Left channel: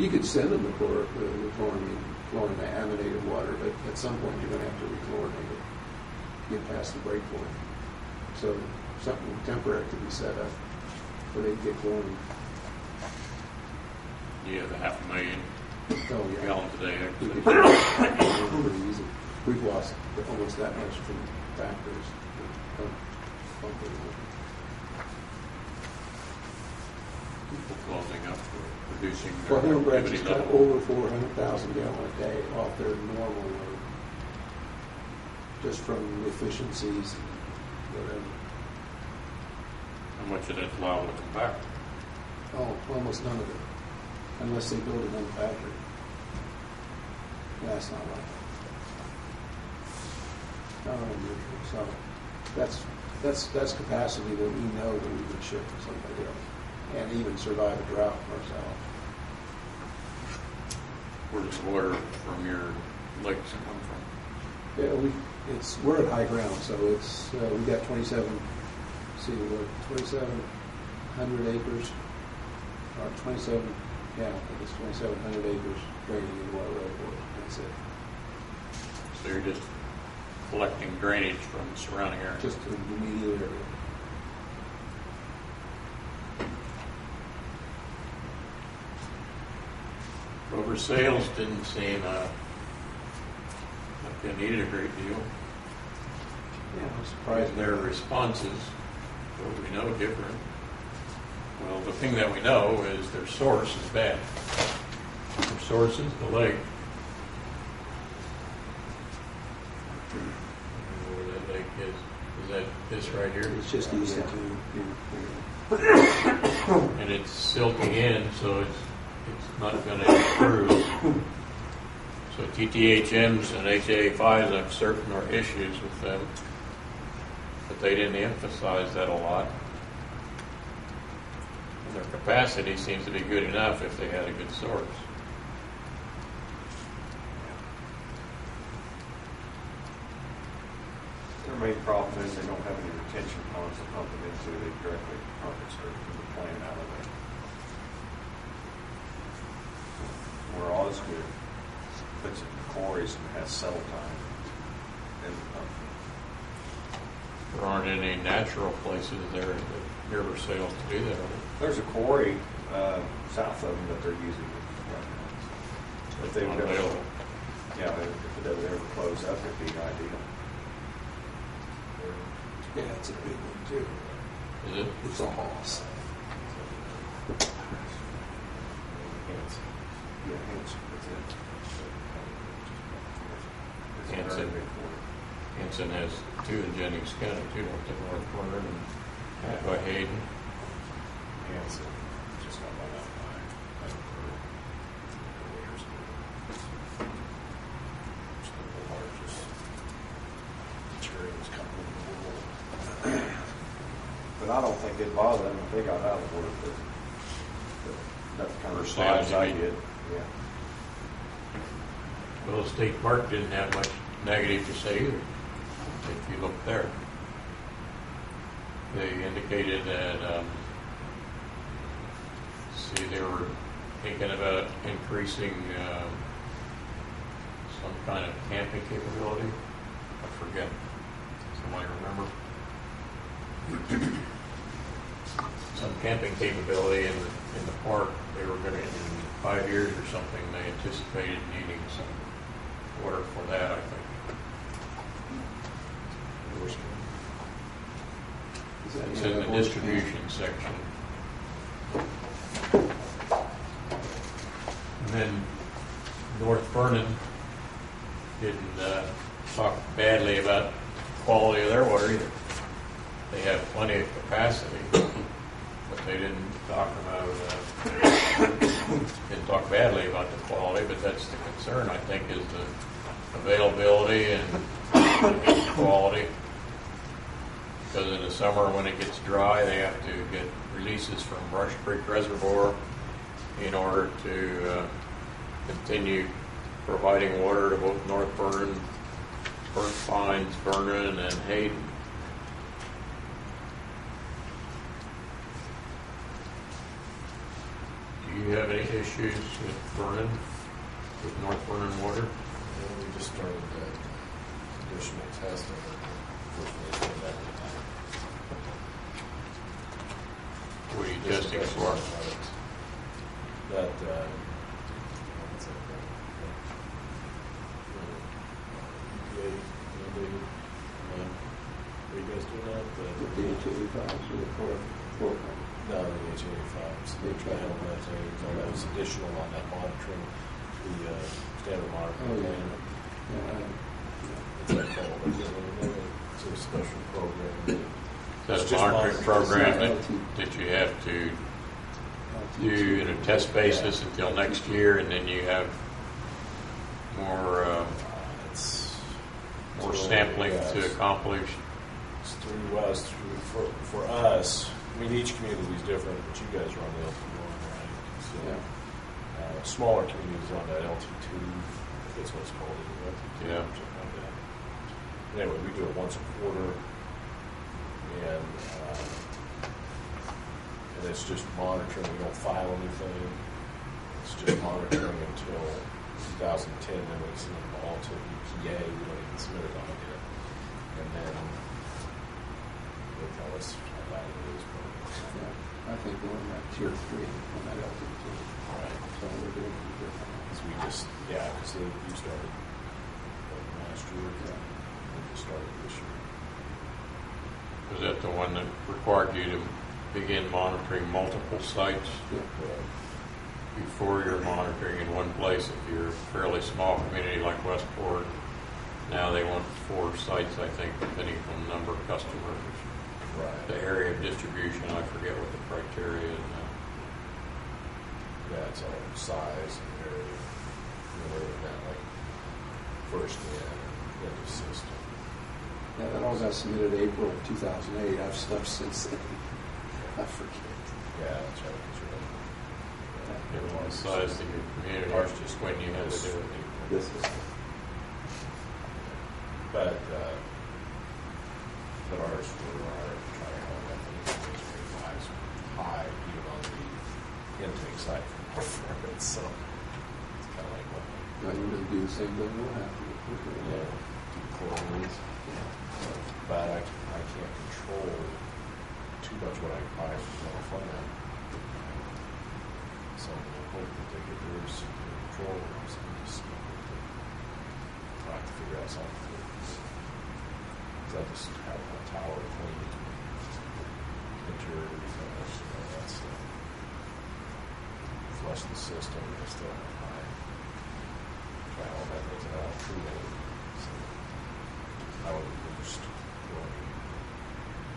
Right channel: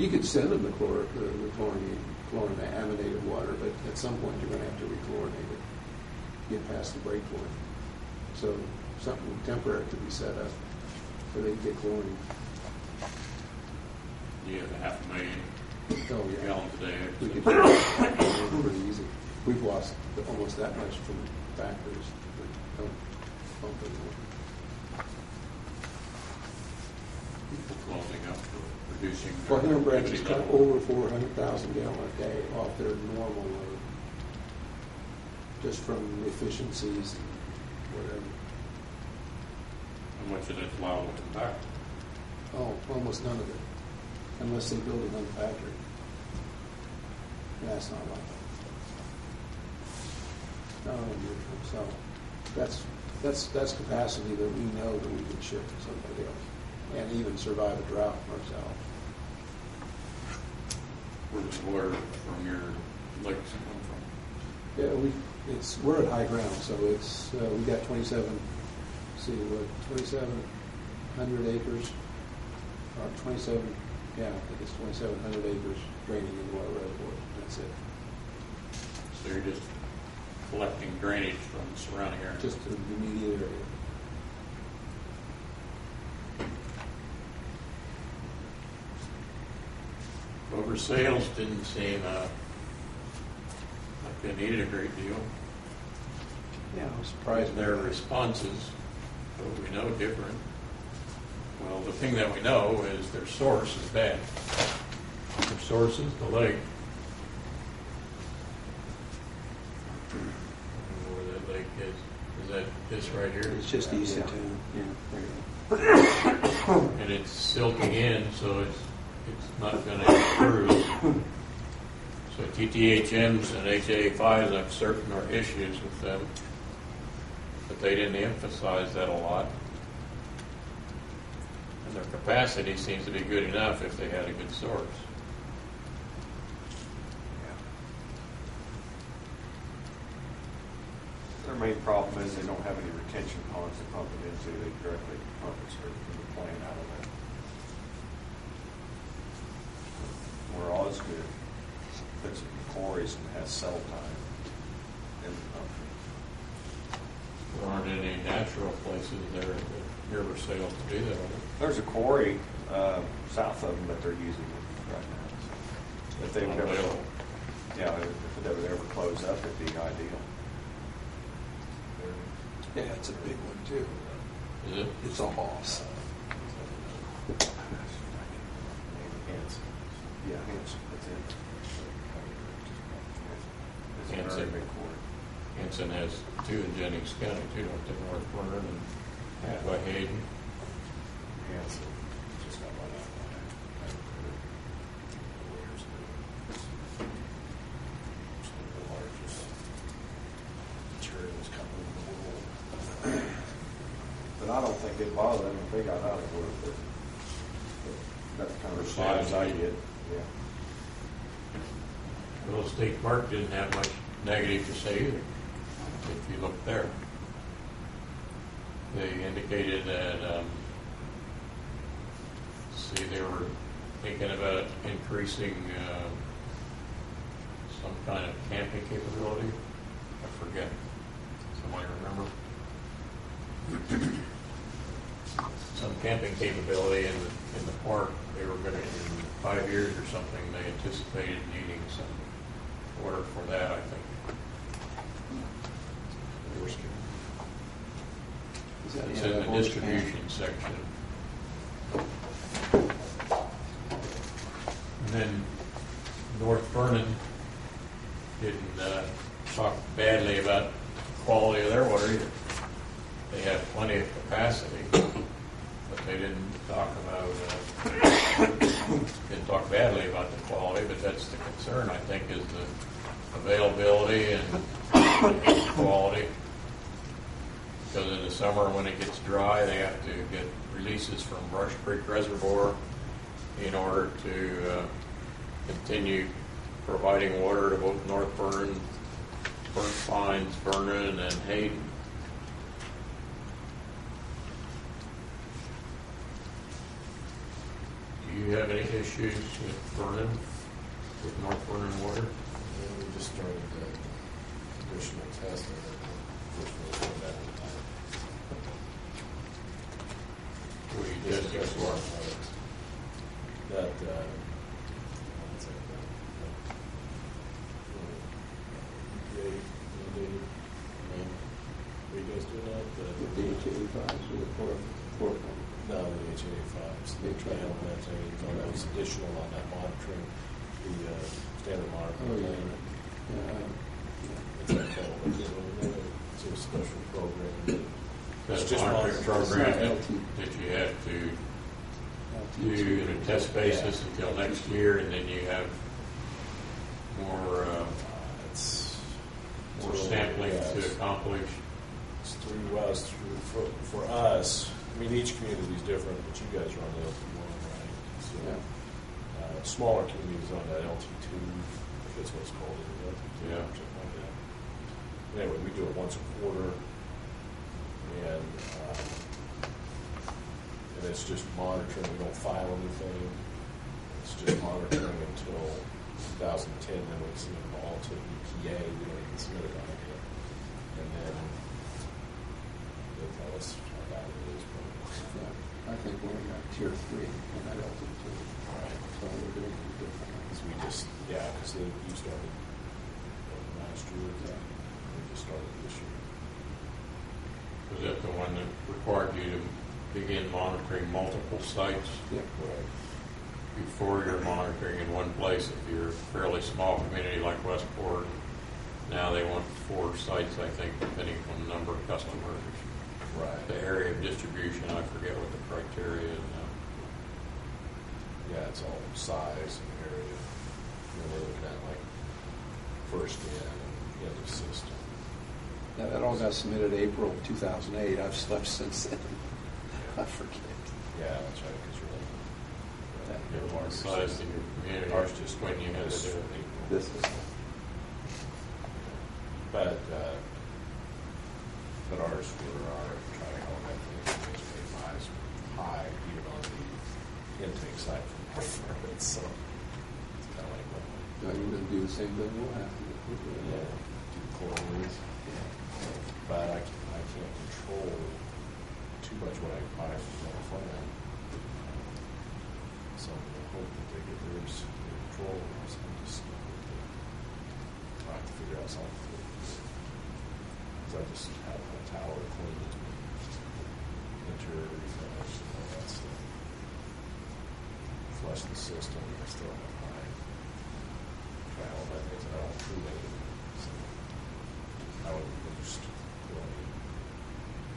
You could send them the chlorinated water, but at some point you're going to have to rechlorinate it to get past the break point. So something temporary could be set up so they can get chlorine. You have 500,000 gallons a day. We could do it pretty easy. We've lost almost that much from factories. People closing up for producing. Well, Hillenbrand's is cut over 400,000 gallons a day off their normal load, just from efficiencies and whatever. How much of that's allowed to come back? Oh, almost none of it, unless they build another factory. That's not like that. Not unusual. So that's capacity that we know that we could ship to somebody else, and even survive a drought ourselves. Where does water from your lakes come from? Yeah, we're at high ground, so it's we got 2,700 acres, or 27. Yeah, I think it's 2,700 acres draining into our reservoir. That's it. So you're just collecting drainage from the surrounding area? Just in the immediate area. Rubber sales didn't seem like they needed a great deal. Yeah, I'm surprised. Their responses, what we know, different. Well, the thing that we know is their source is bad. Their source is the lake. Where that lake is that this right here? It's just easy to. And it's silting in, so it's not going to improve. So TTHMs and HA5s, I'm certain, are issues with them, but they didn't emphasize that a lot. And their capacity seems to be good enough if they had a good source. Their main problem is they don't have any retention ponds to pump it into. They directly pump it straight from the plant out of there. Where Osgood puts it in quarries and has cell time in the pump. There aren't any natural places there that river sails to do that. There's a quarry south of them that they're using right now. If they would ever, if they would ever close up, it'd be ideal. Yeah, it's a big one too. Is it? It's a hoss. Yeah, Hanson, that's it. It's a Hanson. very big quarry. Hanson has two in Jennings County, too, don't they? North Vernon and by Hayden. Hanson, just got bought out by years ago. It's the largest materials company in the world. But I don't think it'd bother them if they got out of work. But that's kind of as bad as I get. Yeah. Well, the state park didn't have much negative to say either, if you look there. They indicated that, they were thinking about increasing some kind of camping capability. I forget. Somebody remember? Some camping capability in the park. They were going to, in 5 years or something, they anticipated needing some water for that, I think. It's in the distribution section. And then North Vernon didn't talk badly about the quality of their water either. They have plenty of capacity, but they didn't talk badly about the quality. But that's the concern, I think, is the availability and quality. Because in the summer, when it gets dry, they have to get releases from Brush Creek Reservoir in order to continue providing water to both North Vernon, Burnt Pines, Vernon, and Hayden. Do you have any issues with Vernon, with North Vernon Water? And we just started the additional testing. Unfortunately, it came back with What are you testing for? That, what's that called? EPA mandated. Are you guys doing that? With the H85s or the fluorocarbon. No, the H85s, the trial methane, that was additional on that monitoring, the standard monitoring. Oh, yeah. plan. Yeah, What's that called? I can't remember. It's a special program. That's It's a just monitoring monitoring. program that you have to do in a test basis until next year, and then you have more It's more so, sampling yeah, to accomplish. It's through us, for us. I mean, each community is different, but you guys are on the LT1, right? So, Yeah. smaller communities on that LT2, if that's what it's called, is it LT2 Yeah. or something like that. Anyway, we do it once a quarter, and it's just monitoring. We don't file anything. It's just monitoring until 2010. Then we submit it all to EPA. We don't even submit it on yet, and then they tell us how bad it is. Yeah. I think we're in that tier 3 on that altitude. Right. So we're doing it different. Because we just, because you started last year. Yeah. We just started this year. Was that the one that required you to begin monitoring multiple sites Yeah. Correct. before you're monitoring in one place? If you're a fairly small community like Westport, now they want 4 sites, I think, depending on the number of customers. Right. The area of distribution, I forget what the criteria is now. Yeah, it's all size and area. And we're looking at like first in and end of system. Yeah, that all got submitted April 2008. I've stuff since then. I forget. Yeah, that's right. Because you're Given the size of your community, Ours just when you had to do it. This is. But ours for our trial method is high, even on the intake side from our firm. So it's kind of like what Now you're going to do the same thing we'll have to do. do chlorines. But I can't control too much what I buy from California. So I hope that they get theirs under control. So I'm just trying to figure out something to do. Because I just have a tower cleaned, interior finish, and all that stuff. Flush the system, and I still have my trial methods and I don't treat any. So I would boost chlorine.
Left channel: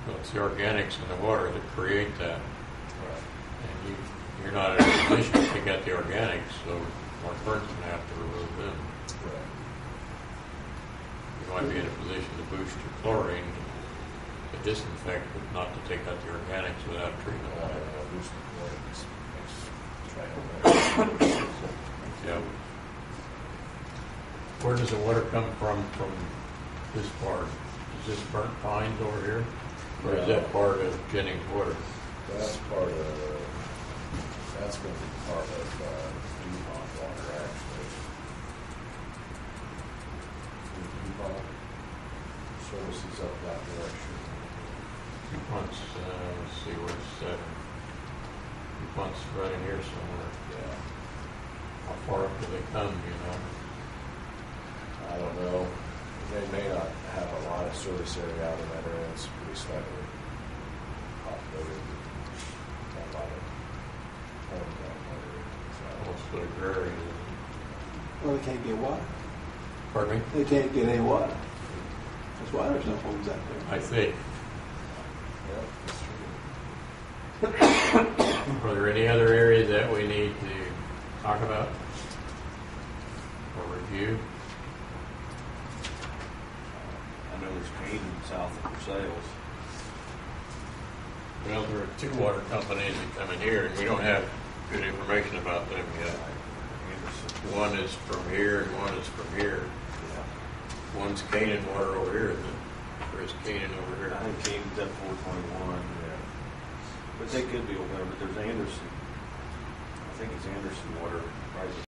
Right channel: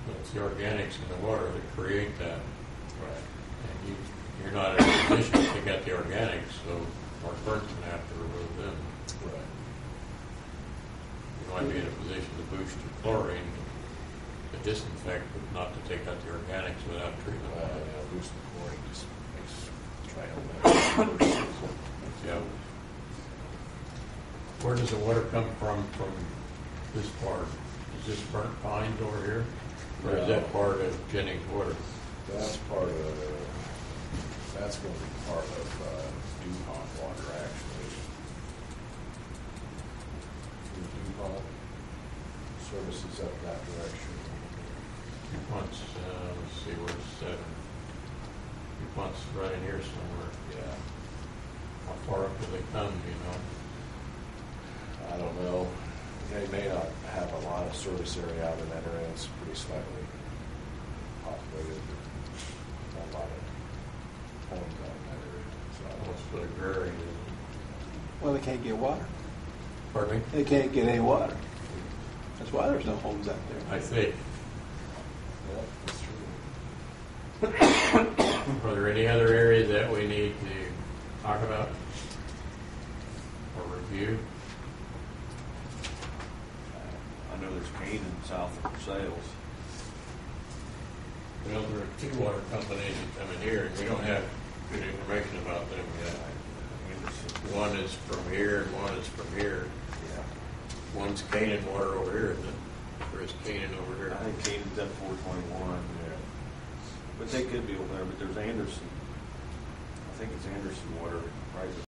Well, it's the organics in the water that create that. Right. And you're not in a position to pick out the organics, so Mark Burns going to have to remove them. Right. You might be in a position to boost your chlorine to disinfect, but not to take out the organics without treatment. Boosting chlorine just makes trial better. Yeah. Where does the water come from this part? Is this burnt pines over here? Or is that part of Jennings water? That's going to be part of DuPont water, actually. The DuPont services up that direction. DuPont's, let's see, where's 7? DuPont's right in here somewhere. Yeah. How far up do they come, you know? I don't know. They may not have a lot of service area out in that area. It's pretty slightly populated. Not a lot of homes out in that area. Almost like agrarian, isn't it? Well, they can't get water. Pardon me? They can't get any water. That's why there's no homes out there. I think. Yeah, that's true. Are there any other areas that we need to talk about or review? I know there's Canaan south of Versailles. Well, there are 2 water companies that come in here, and we don't have good information about them yet. One is from here, and one is from here. Yeah. One's Canaan water over here, isn't it? Or is Canaan over here? I think Canaan's at 421. Yeah. But they could be over there, but there's Anderson. think it's Anderson Water